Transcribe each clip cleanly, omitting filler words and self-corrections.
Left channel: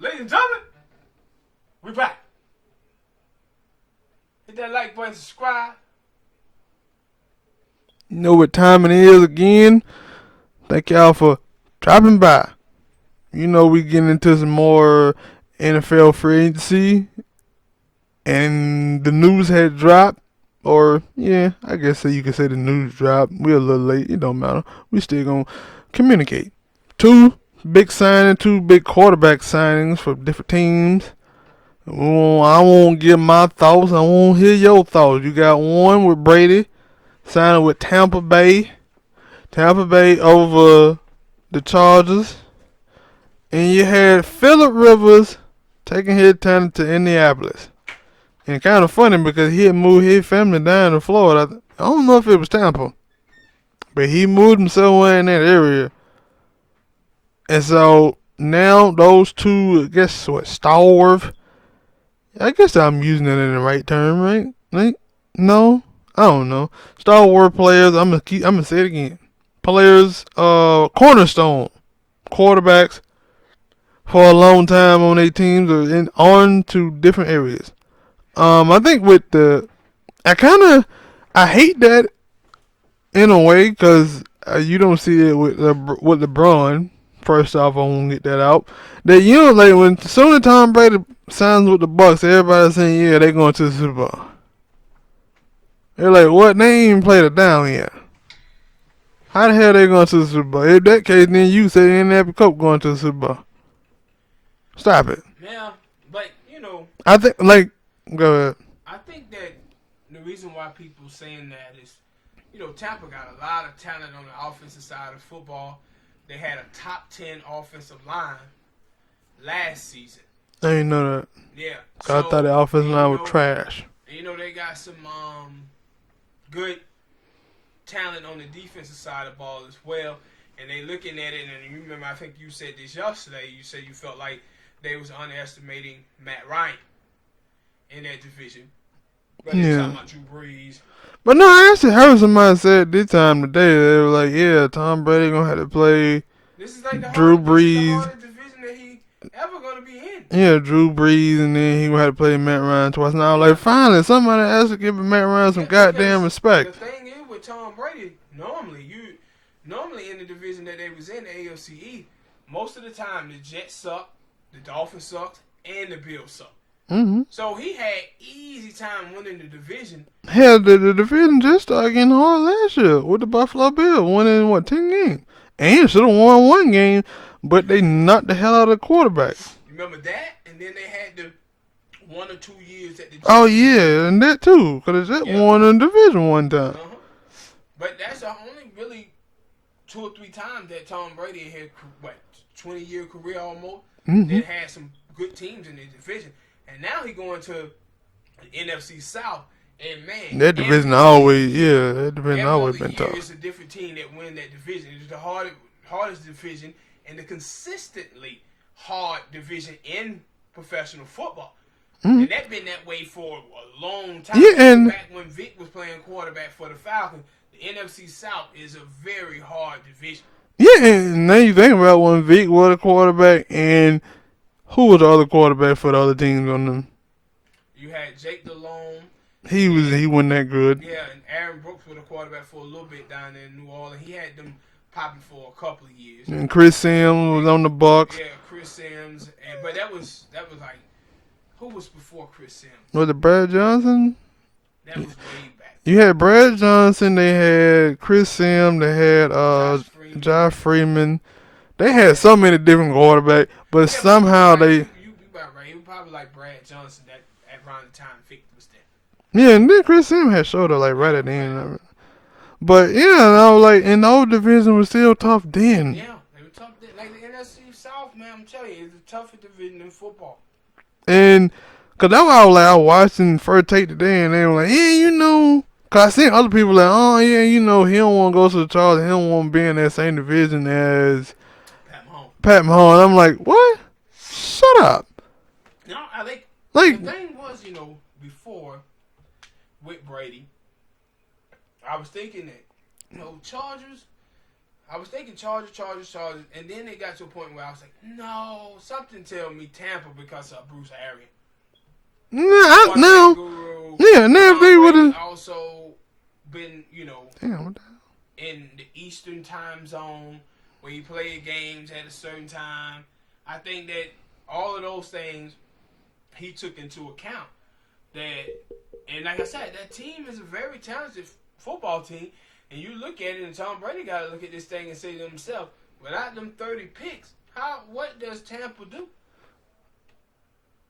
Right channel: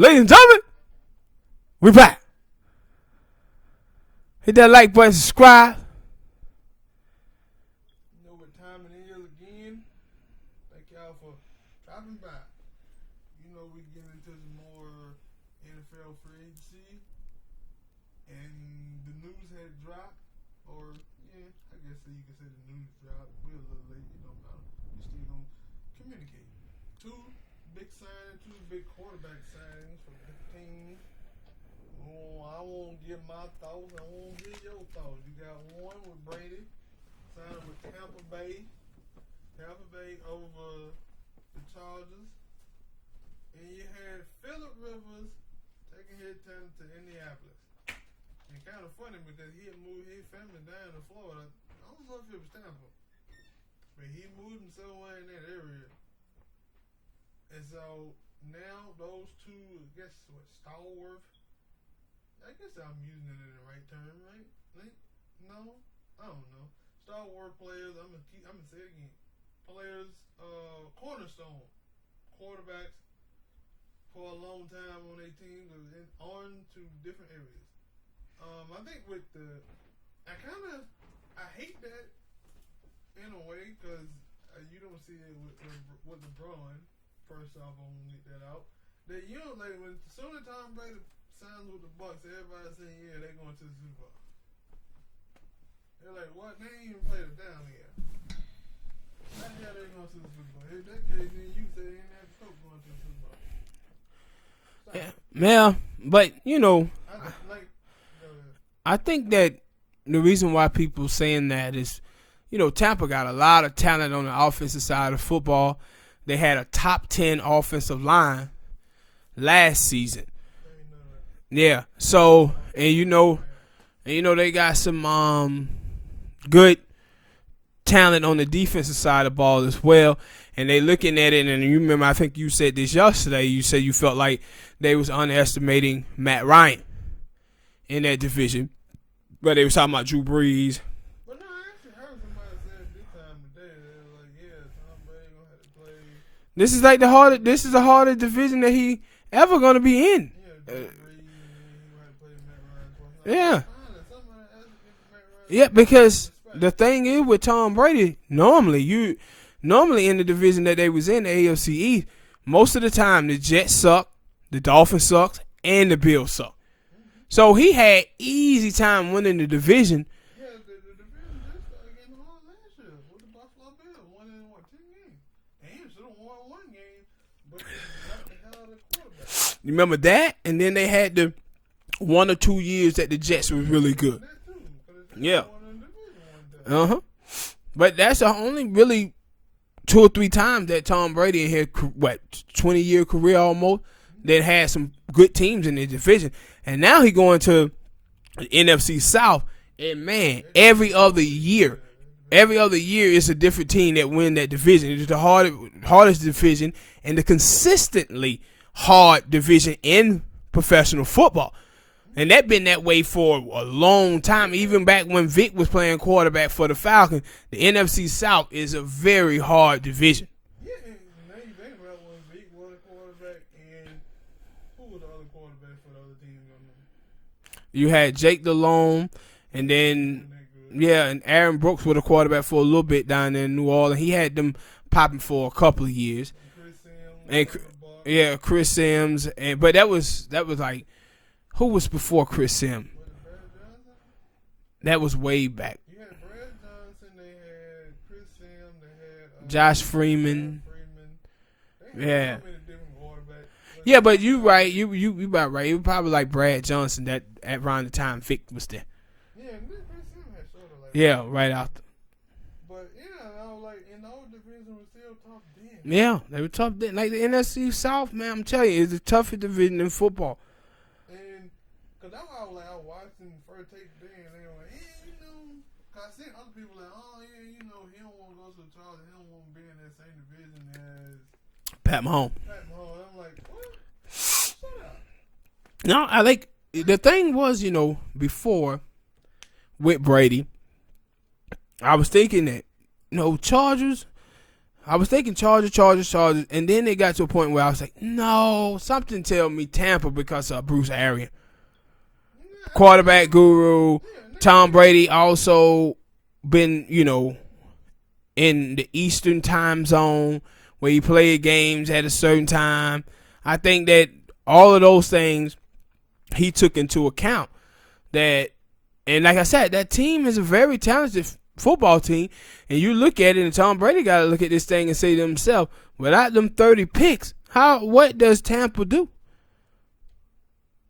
Ladies and gentlemen, we back. Hit that like button, subscribe. You know what time it is again. Thank y'all for dropping by. You know we getting into some more NFL free agency. And the news had dropped. Or, yeah, I guess you could say the news dropped. We're a little late. It don't matter. We still going to communicate. 2 big signings, 2 big quarterback signings for different teams. I won't give my thoughts. I won't hear your thoughts. You got one with Brady signing with Tampa Bay. Tampa Bay over the Chargers. And you had Phillip Rivers taking his talent to Indianapolis. And kind of funny because he had moved his family down to Florida. I don't know if it was Tampa. But he moved him somewhere in that area. And so now those 2, I guess, stalwart. I guess I'm using it in the right term, right? Like, no? I don't know. Stalwart players, I'm gonna say it again. Players, cornerstone quarterbacks for a long time on their teams or on to different areas. I think with I hate that in a way because you don't see it with LeBron. First off, I won't get that out. That like when soon as Tom Brady signs with the Bucs, everybody's saying they're going to the Super Bowl. They're like, what? They ain't even played it down yet. How the hell they going to the Super Bowl? In that case, then you say Indianapolis Colts going to the Super Bowl. Stop it. Yeah, but I think go ahead. I think that the reason why people saying that is, Tampa got a lot of talent on the offensive side of football. They had a top 10 offensive line last season. I didn't know that. Yeah. So I thought the offensive line was trash. And they got some good talent on the defensive side of the ball as well. And they looking at it, and you remember, I think you said this yesterday. You said you felt like they was underestimating Matt Ryan in that division. But they were talking about Drew Brees. But no, I actually heard somebody say this time today. They were like, yeah, Tom Brady going to have to play. This is like the hardest division that he ever going to be in. Yeah, Drew Brees, and then he going to have to play Matt Ryan twice. Now, like, finally, somebody has to give Matt Ryan some goddamn respect. The thing is with Tom Brady, normally in the division that they was in, the AFC East, most of the time the Jets suck, the Dolphins sucks, and the Bills suck. Mm-hmm. So he had easy time winning the division. Hell, the division just started getting hard last year with the Buffalo Bills winning 10 games, and should have won 1 game, but they knocked the hell out of the quarterback. You remember that? And then they had the 1 or 2 years that the Jets. Oh yeah, really and that too, because the Jets won in the division one time. But that's the only really 2 or 3 times that Tom Brady in his 20-year career almost that had some good teams in the division. And now he going to the NFC South, and man, every other year it's a different team that win that division. It's the hardest division and the consistently hard division in professional football. And that been that way for a long time. Even back when Vic was playing quarterback for the Falcons, the NFC South is a very hard division. Yeah, and now you think about when Vic was a quarterback and who was the other quarterback for the other teams on them? You had Jake Delhomme. He wasn't that good. Yeah, and Aaron Brooks was a quarterback for a little bit down there in New Orleans. He had them popping for a couple of years. And Chris Sims was on the Bucs. Yeah, Chris Sims. But that was like, who was before Chris Sims? Was it Brad Johnson? That was way back. You had Brad Johnson. They had Chris Sims. They had Josh Freeman. They had so many different quarterbacks, but somehow you about right. It was probably like Brad Johnson that at around the time Vic was there. Yeah, and then Chris Sims had showed up right at the end. But and the old division was still tough then. Yeah, they were tough then. Like the NFC South, man, I'm telling you, it's the toughest division in football. And cause that's why I was watching First Take today, and they were like, cause I seen other people like, he don't want to go to the Chargers, he don't want to be in that same division as Pat Mahomes. I'm like, what? Shut up. No, I like the thing was, before with Brady, I was thinking that, Chargers, I was thinking Chargers, and then it got to a point where I was like, no, something tell me Tampa because of Bruce Arians. Quarterback guru. Yeah, Tom Brady also been, in the Eastern time zone where he played games at a certain time. I think that all of those things he took into account. And like I said, that team is a very talented football team. And you look at it, and Tom Brady got to look at this thing and say to himself, without them 30 picks, what does Tampa do?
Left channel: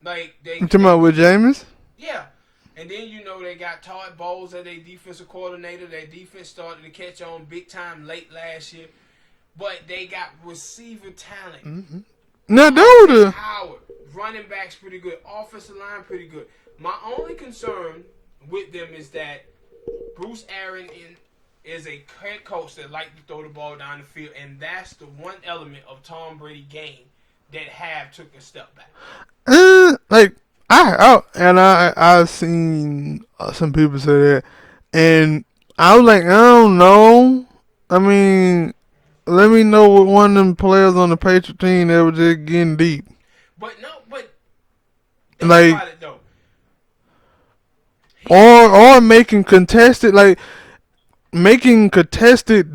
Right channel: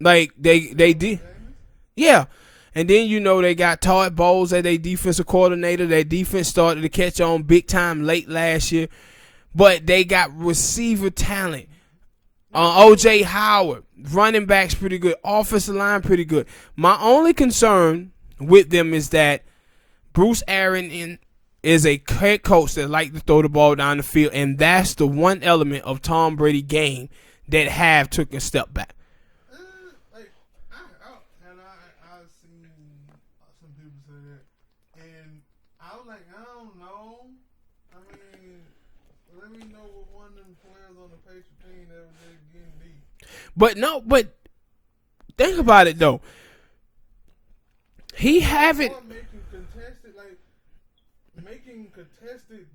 Like they talking about with Jameis? Yeah. And then they got Todd Bowles as their defensive coordinator. Their defense started to catch on big time late last year. But they got receiver talent. Mm-hmm. O.J. Howard, running backs pretty good. Offensive line pretty good. My only concern with them is that Bruce Arians is a head coach that like to throw the ball down the field. And that's the one element of Tom Brady's game that took a step back. I've seen some people say that, and I was like, I don't know. I mean, let me know what one of them players on the Patriot team that was just getting deep. But think about it though. Or making contested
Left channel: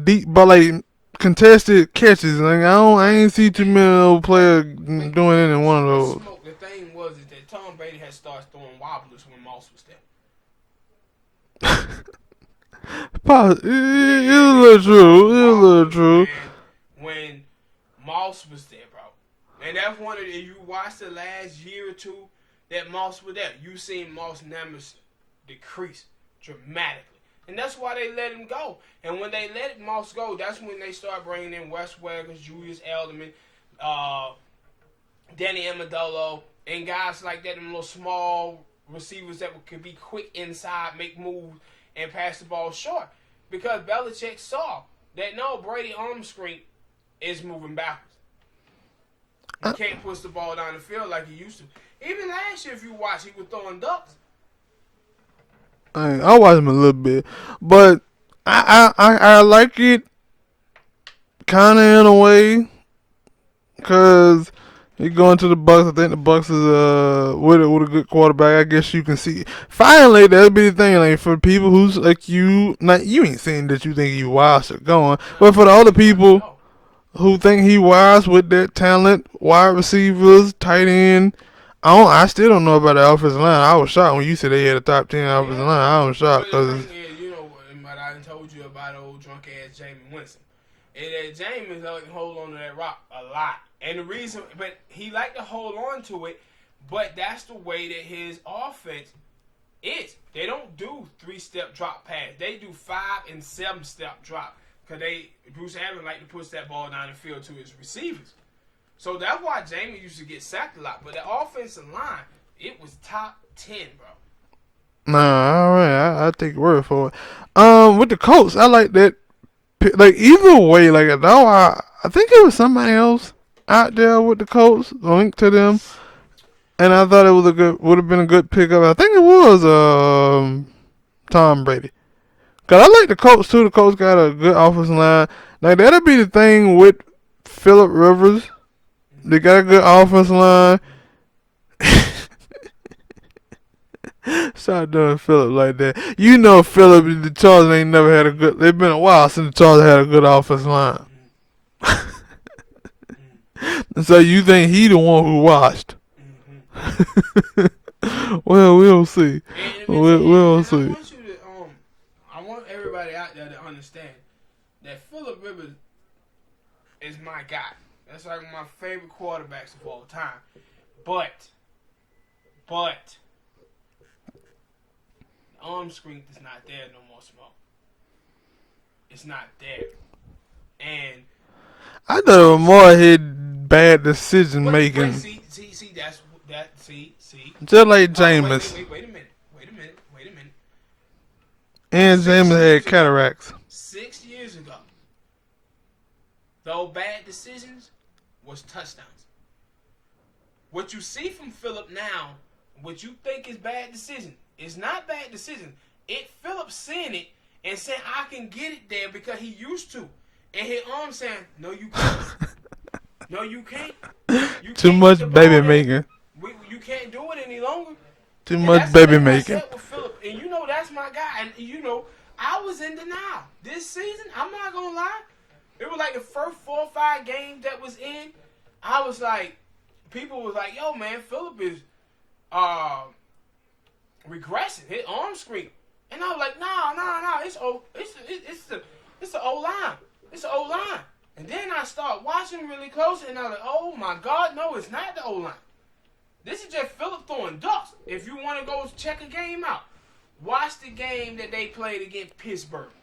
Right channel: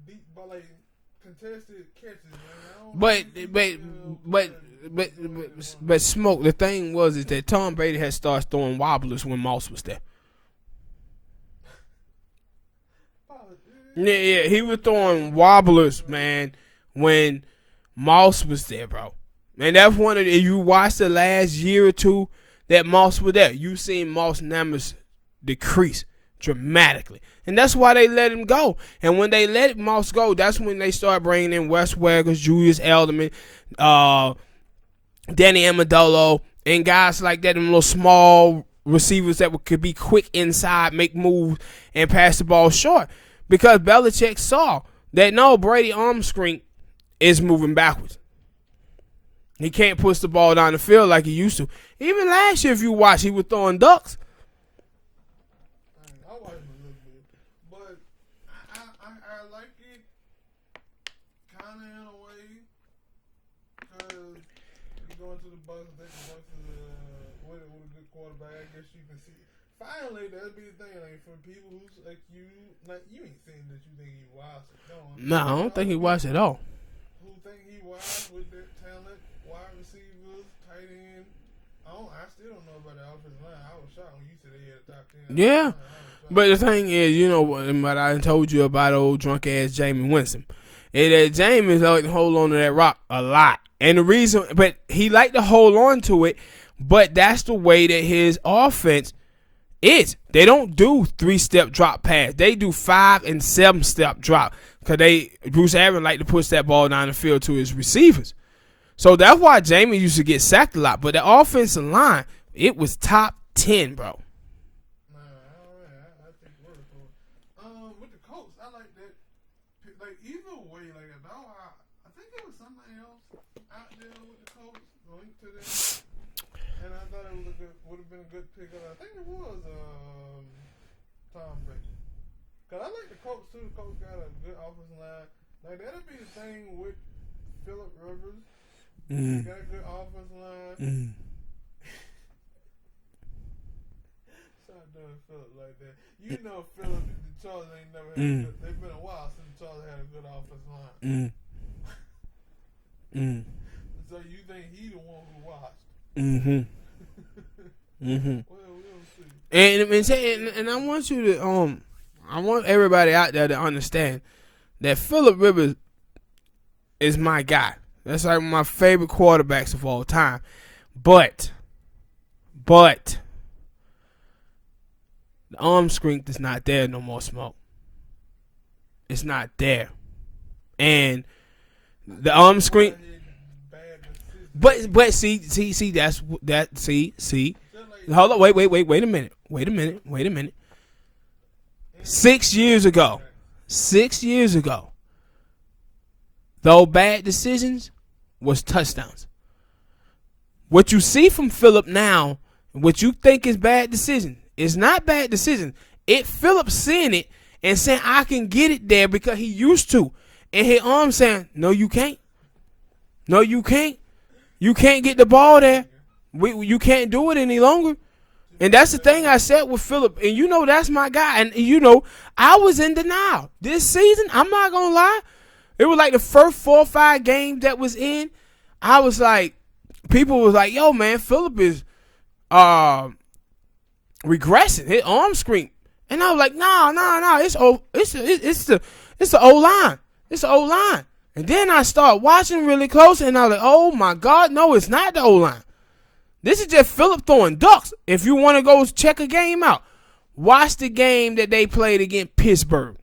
deep, but contested catches. I ain't see too many players doing it in one of those. But Smoke, the thing is that Tom Brady had started throwing wobblers when Moss was there. It's a little true. Wobblers, man, when Moss was there, bro. And that's one of if you watch the last year or two that Moss was there, you seen Moss numbers decrease dramatically. And that's why they let him go. And when they let Moss go, that's when they start bringing in Wes Welker, Julius Edelman, Danny Amendola, and guys like that, them little small receivers that could be quick inside, make moves, and pass the ball short. Because Belichick saw that, no, Brady arm strength is moving backwards. He can't push the ball down the field like he used to. Even last year, if you watch, he was throwing ducks. I watched him a little bit, but I like it kind of in a way because you're going to the Bucs. I think the Bucs is with a good quarterback. I guess you can see finally that'll be the thing. Like for people who's like you, not you ain't saying that you think he wise or going, but for the other people who think he wise with that talent, wide receivers, tight end. I still don't know about the offensive line. I was shocked when you said they had a top 10 offensive line. I was shocked. But the thing is, what I told you about old drunk ass Jameis Winston. And that Jameis like to hold on to that rock a lot. And the reason, but he like to hold on to it, but that's the way that his offense is. They don't do 3-step drop pass. They do 5 and 7-step drop. Because Bruce Arians like to push that ball down the field to his receivers. So that's why Jamie used to get sacked a lot. But the offensive line, it was top 10, bro. Nah, all right. I take your word for it. With the Colts, I like that. Like, either way, I think it was somebody else out there with the Colts, linked to them. And I thought it would have been a good pickup. I think it was Tom Brady. Because I like the Colts, too. The Colts got a good offensive line. Like, that'll be the thing with Phillip Rivers. They got a good offensive line. Stop doing Phillip like that. You know Phillip and the Chargers ain't never had a good... It's been a while since the Chargers had a good offensive line. So you think he the one who watched? Well, we'll see. We'll see. I want you to... I want everybody out there to understand that Phillip Rivers is my guy. That's like my favorite quarterbacks of all time. But the arm strength is not there no more, Smoke. It's not there. And I thought more had bad decision making. But see, that's that. See. Just like Jameis. Wait a minute. And 6 years ago. Cataracts. 6 years ago. Though bad decisions was touchdowns. What you see from Phillip now, what you think is bad decision, is not bad decision. Phillip seeing it and saying I can get it there because he used to. and his arm saying, "No, you can't. No, you can't. You Too can't much get the ball baby there. making. You can't do it any longer." Too And much that's the baby thing I making. said with Phillip. And that's my guy. And I was in denial. This season, I'm not going to lie. It was like the first 4 or 5 games that was in. I was like, people was like, yo, man, Phillip is regressing. His arm screen. And I was like, no. It's the O-line. It's the O-line. And then I start watching really close. And I was like, oh, my God, no, it's not the O-line. This is just Phillip throwing ducks. If you want to go check a game out, watch the game that they played against Pittsburgh.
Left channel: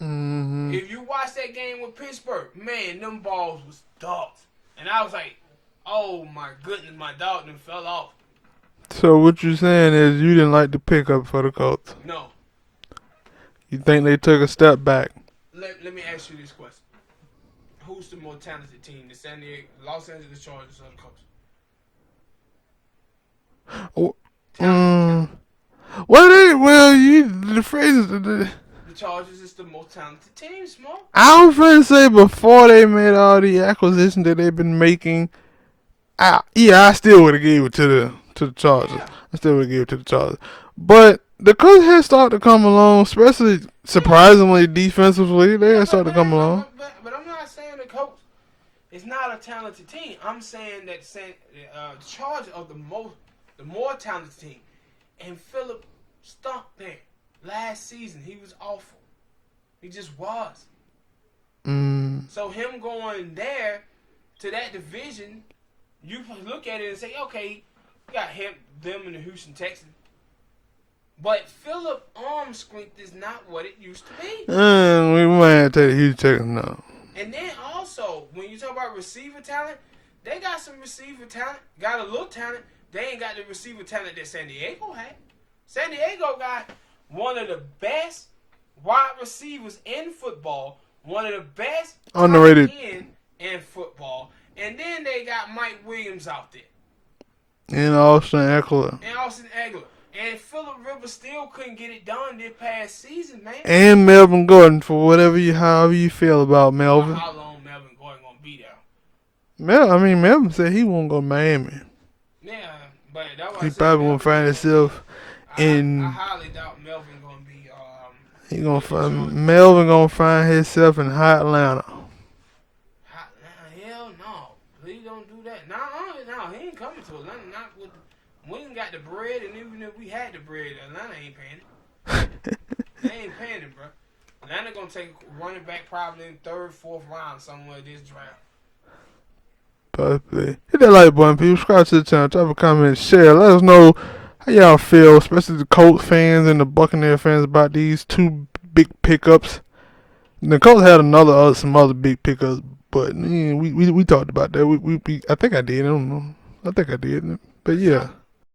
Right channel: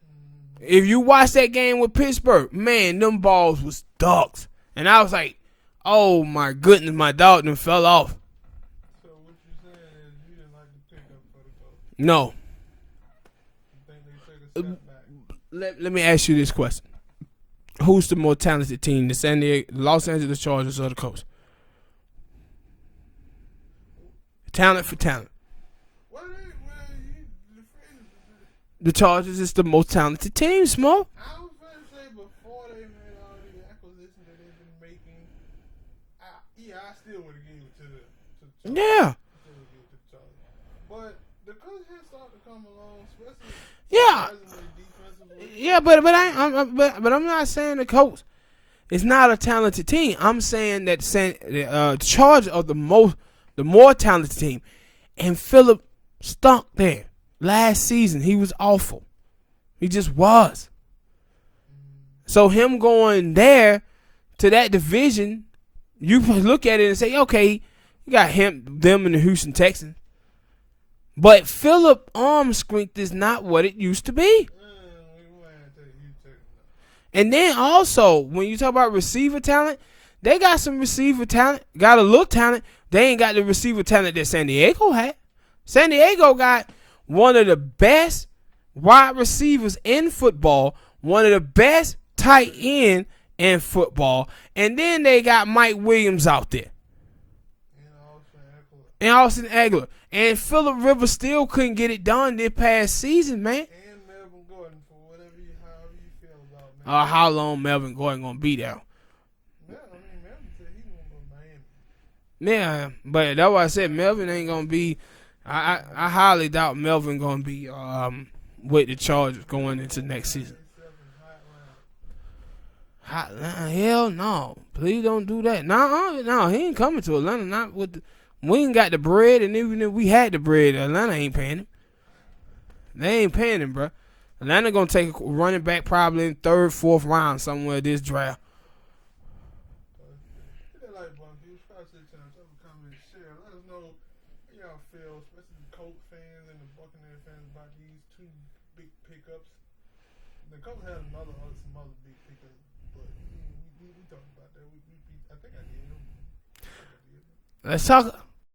Mm-hmm. If you watch that game with Pittsburgh, man, them balls was ducks. And I was like, oh my goodness, my dog done fell off. So what you're saying is you didn't like the pickup for the Colts? No. You think they took a step back? Let me ask you this question. Who's the more talented team, the Los Angeles Chargers or the Colts? Talent for talent. The phrase is The Chargers is the most talented team, Small. I was trying to say before they made all the acquisitions that they've been making. I still would have gave it to the Chargers. Yeah. I still would have gave it to the Chargers. But the Colts had started to come along, especially surprisingly defensively. They had started to come along. But I'm not saying the Colts is not a talented team. I'm saying that the Chargers are the more talented team. And Phillip stunk there. Last season, he was awful. He just was. So him going there to that division, you look at it and say, okay, we got them and the Houston Texans. But Phillip arm strength is not what it used to be. We might have to take the Houston Texans now. And then also, when you talk about receiver talent, they got some receiver talent, got a little talent. They ain't got the receiver talent that San Diego had. San Diego got one of the best wide receivers in football, one of the best tight end in football, and then they got Mike Williams out there. And Austin Eckler. And Phillip Rivers still couldn't get it done this past season, man. And Melvin Gordon, for however you feel about Melvin. How long Melvin Gordon gonna be there? Melvin said he won't go to Miami. Yeah, but that's why I said Melvin Melvin find ain't gonna himself be. I highly doubt Melvin gonna be with the Chargers. Melvin gonna find himself in hot Atlanta. Hot Atlanta? Hell no! Please don't do that. No, he ain't coming to Atlanta. Not with we ain't got the bread, and even if we had the bread, Atlanta ain't paying it. They ain't paying him, bro. Atlanta gonna take a running back probably in 3rd, 4th round somewhere this draft. Possibly. Hit that like button, people. Subscribe to the channel. Drop a comment, share. Let us know how y'all feel, especially the Colt fans and the Buccaneer fans, about these 2 big pickups. The Colts had some other big pickups, but we talked about that. I think I did. I don't know. I think I did. But Let's talk.